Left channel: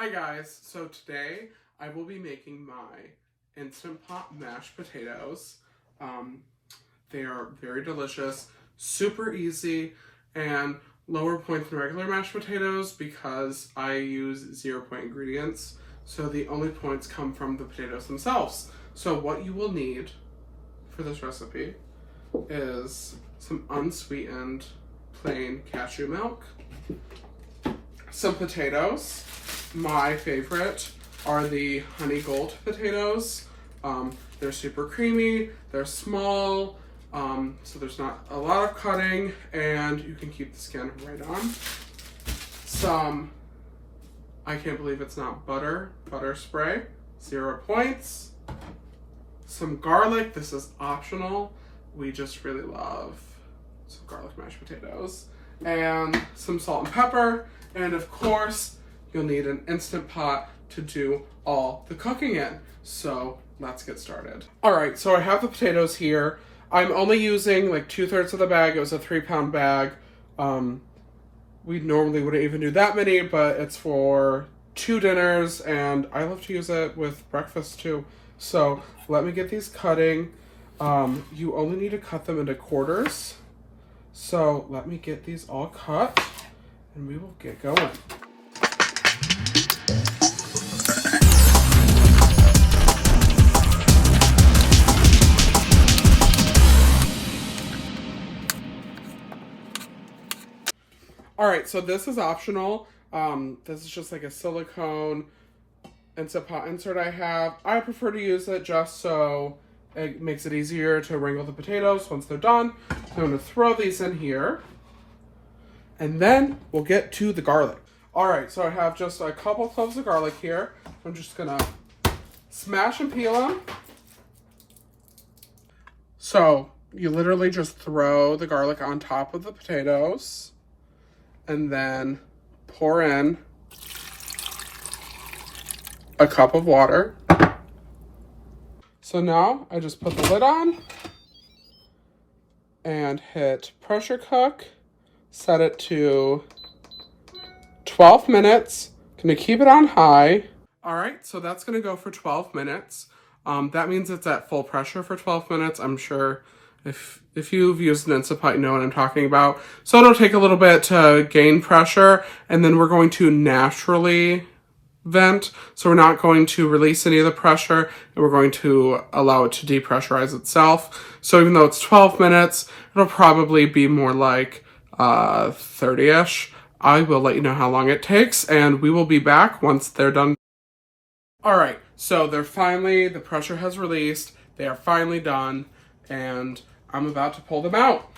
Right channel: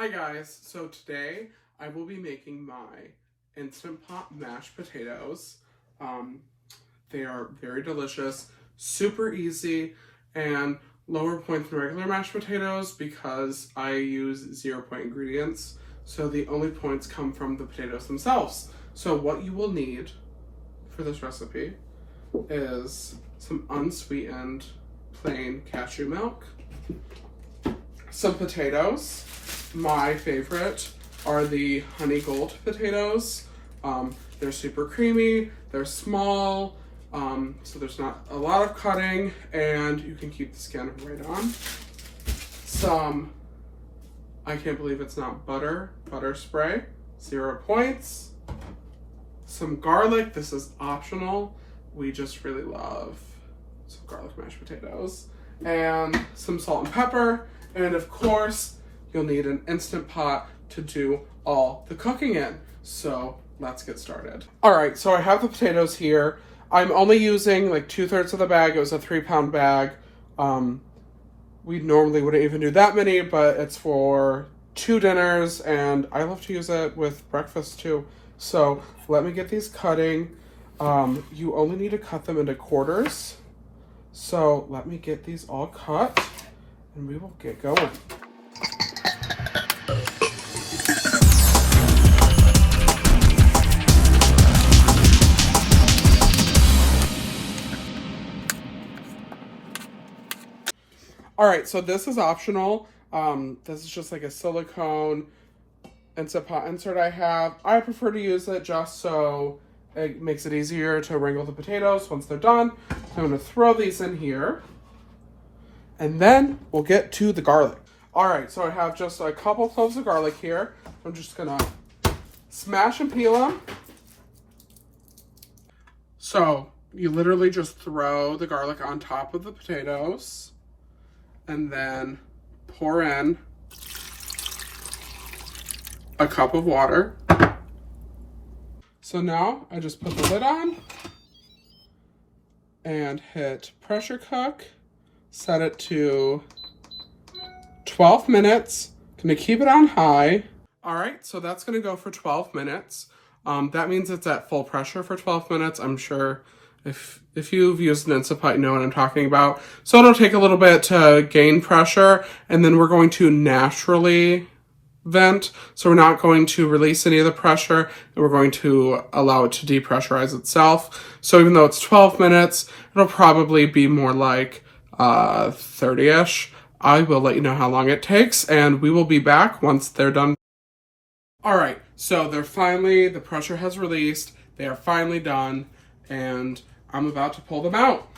Hi guys, so today I will be making my Instant Pot mashed potatoes. They are very delicious, super easy, and lower point than regular mashed potatoes because I use 0 point ingredients. So the only points come from the potatoes themselves. So what you will need for this recipe is some unsweetened plain cashew milk, some potatoes. My favorite are the honey gold potatoes. They're super creamy, they're small, so there's not a lot of cutting, and you can keep the skin right on. Some, I can't believe it's not butter spray, 0 points. Some garlic, this is optional. We just really love some garlic mashed potatoes. And some salt and pepper, and of course, you'll need an Instant Pot to do all the cooking in. So let's get started. All right, so I have the potatoes here. I'm only using like 2/3 of the bag. It was a 3-pound bag. We normally wouldn't even do that many, but it's for 2 dinners, and I love to use it with breakfast too. So let me get these cutting. You only need to cut them into quarters. So let me get these all cut, and we will get going. All right, so this is optional. This is just like a silicone Instant Pot insert I have. I prefer to use it just so it makes it easier to wrangle the potatoes once they're done. I'm gonna throw these in here, and then we'll get to the garlic. All right, so I have just a couple cloves of garlic here. I'm just gonna smash and peel them. So you literally just throw the garlic on top of the potatoes, and then pour in a cup of water. So now I just put the lid on and hit pressure cook, set it to 12 minutes. Gonna keep it on high. All right, so that's gonna go for 12 minutes. That means it's at full pressure for 12 minutes. I'm sure if you've used an Instant Pot, you know what I'm talking about. So it'll take a little bit to gain pressure, and then we're going to naturally vent. So we're not going to release any of the pressure, and we're going to allow it to depressurize itself. So even though it's 12 minutes, it'll probably be more like 30-ish. I will let you know how long it takes, and we will be back once they're done. All right, so the pressure has released. They are finally done, and I'm about to pull them out.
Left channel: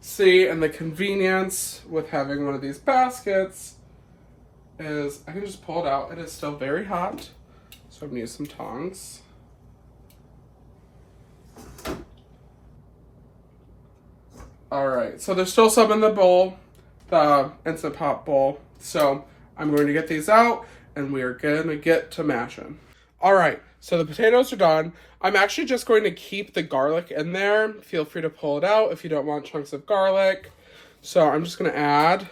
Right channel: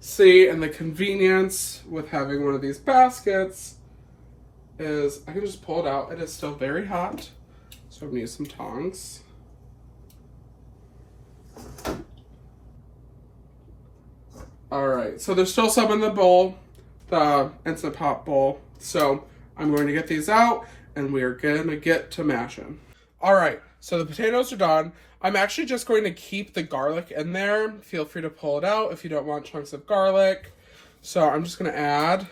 See, and the convenience with having one of these baskets is I can just pull it out. It is still very hot, so I'm gonna use some tongs. All right, so there's still some in the bowl, the Instant Pot bowl. So I'm going to get these out, and we are gonna get to mashing. All right, so the potatoes are done. I'm actually just going to keep the garlic in there. Feel free to pull it out if you don't want chunks of garlic. So I'm just gonna add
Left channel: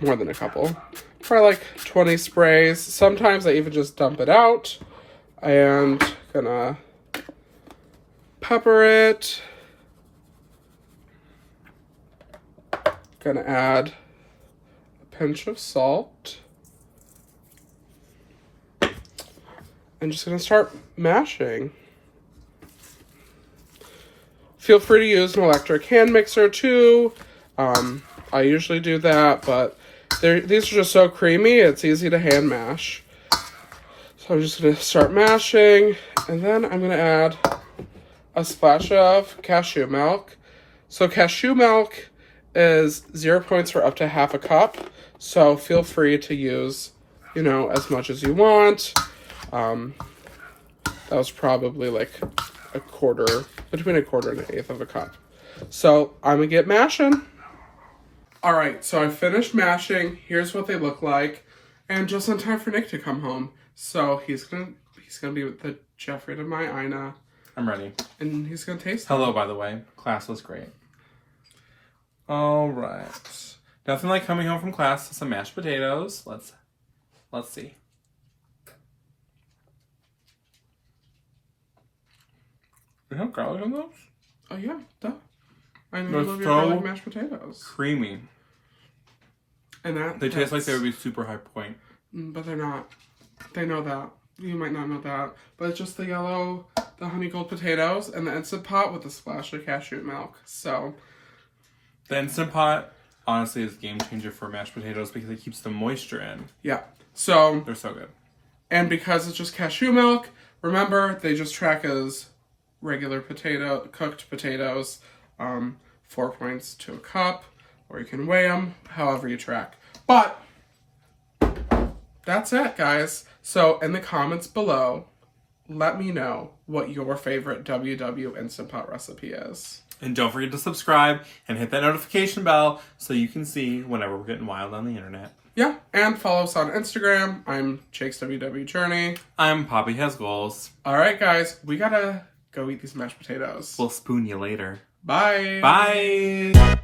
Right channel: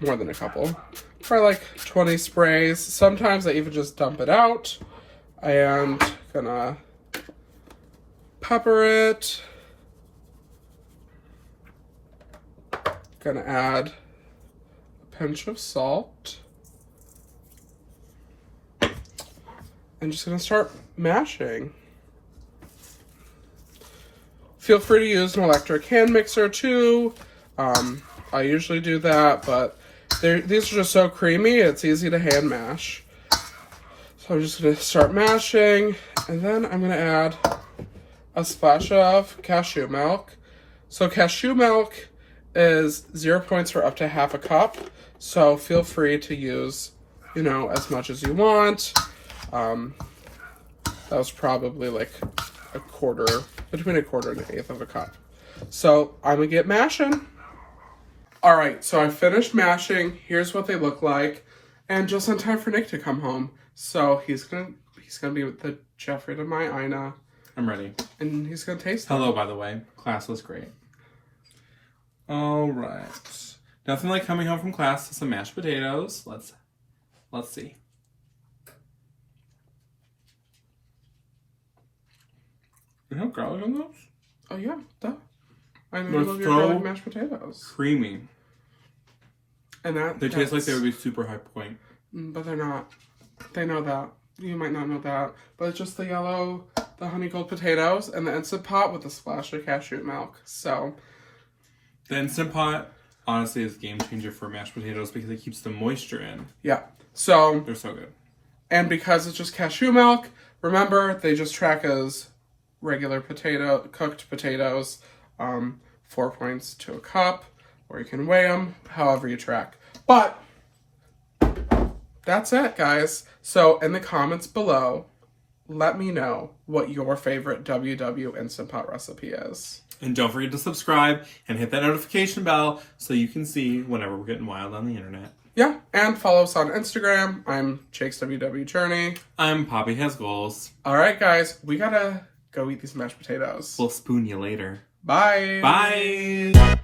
more than a couple, probably like 20 sprays. Sometimes I even just dump it out, and gonna pepper it. Gonna add a pinch of salt. I'm just gonna start mashing. Feel free to use an electric hand mixer too. I usually do that, but these are just so creamy, it's easy to hand mash. So I'm just gonna start mashing, and then I'm gonna add a splash of cashew milk. So cashew milk is 0 points for up to half a cup. So feel free to use, as much as you want. That was probably like between a quarter and an eighth of a cup. So I'm gonna get mashing. All right, so I finished mashing. Here's what they look like, and just in time for Nick to come home. So he's gonna be with the Jeffrey to my Ina. I'm ready. And he's gonna taste them. Hello, by the way. Class was great. All right. Nothing like coming home from class to some mashed potatoes. Let's see. You have garlic in those? Oh yeah, duh. I know They're you love your so garlic mashed potatoes. Creamy. And They taste like they would be super high point. But they're not. They know that. You might not know that. But it's just the yellow, the honey gold potatoes, and the Instant Pot with a splash of cashew milk. So The Instant Pot, honestly, is a game changer for mashed potatoes because it keeps the moisture in. yeah. So They're so good. and because it's just cashew milk, remember they just track as regular cooked potatoes, 4 points to a cup, or you can weigh them however you track. But that's it, guys. So in the comments below, let me know what your favorite WW Instant Pot recipe is. And don't forget to subscribe and hit that notification bell so you can see whenever we're getting wild on the internet. Yeah, and follow us on Instagram. I'm Jake's WW Journey. I'm Poppy Has Goals. All right, guys, we gotta go eat these mashed potatoes. We'll spoon you later. Bye. Bye.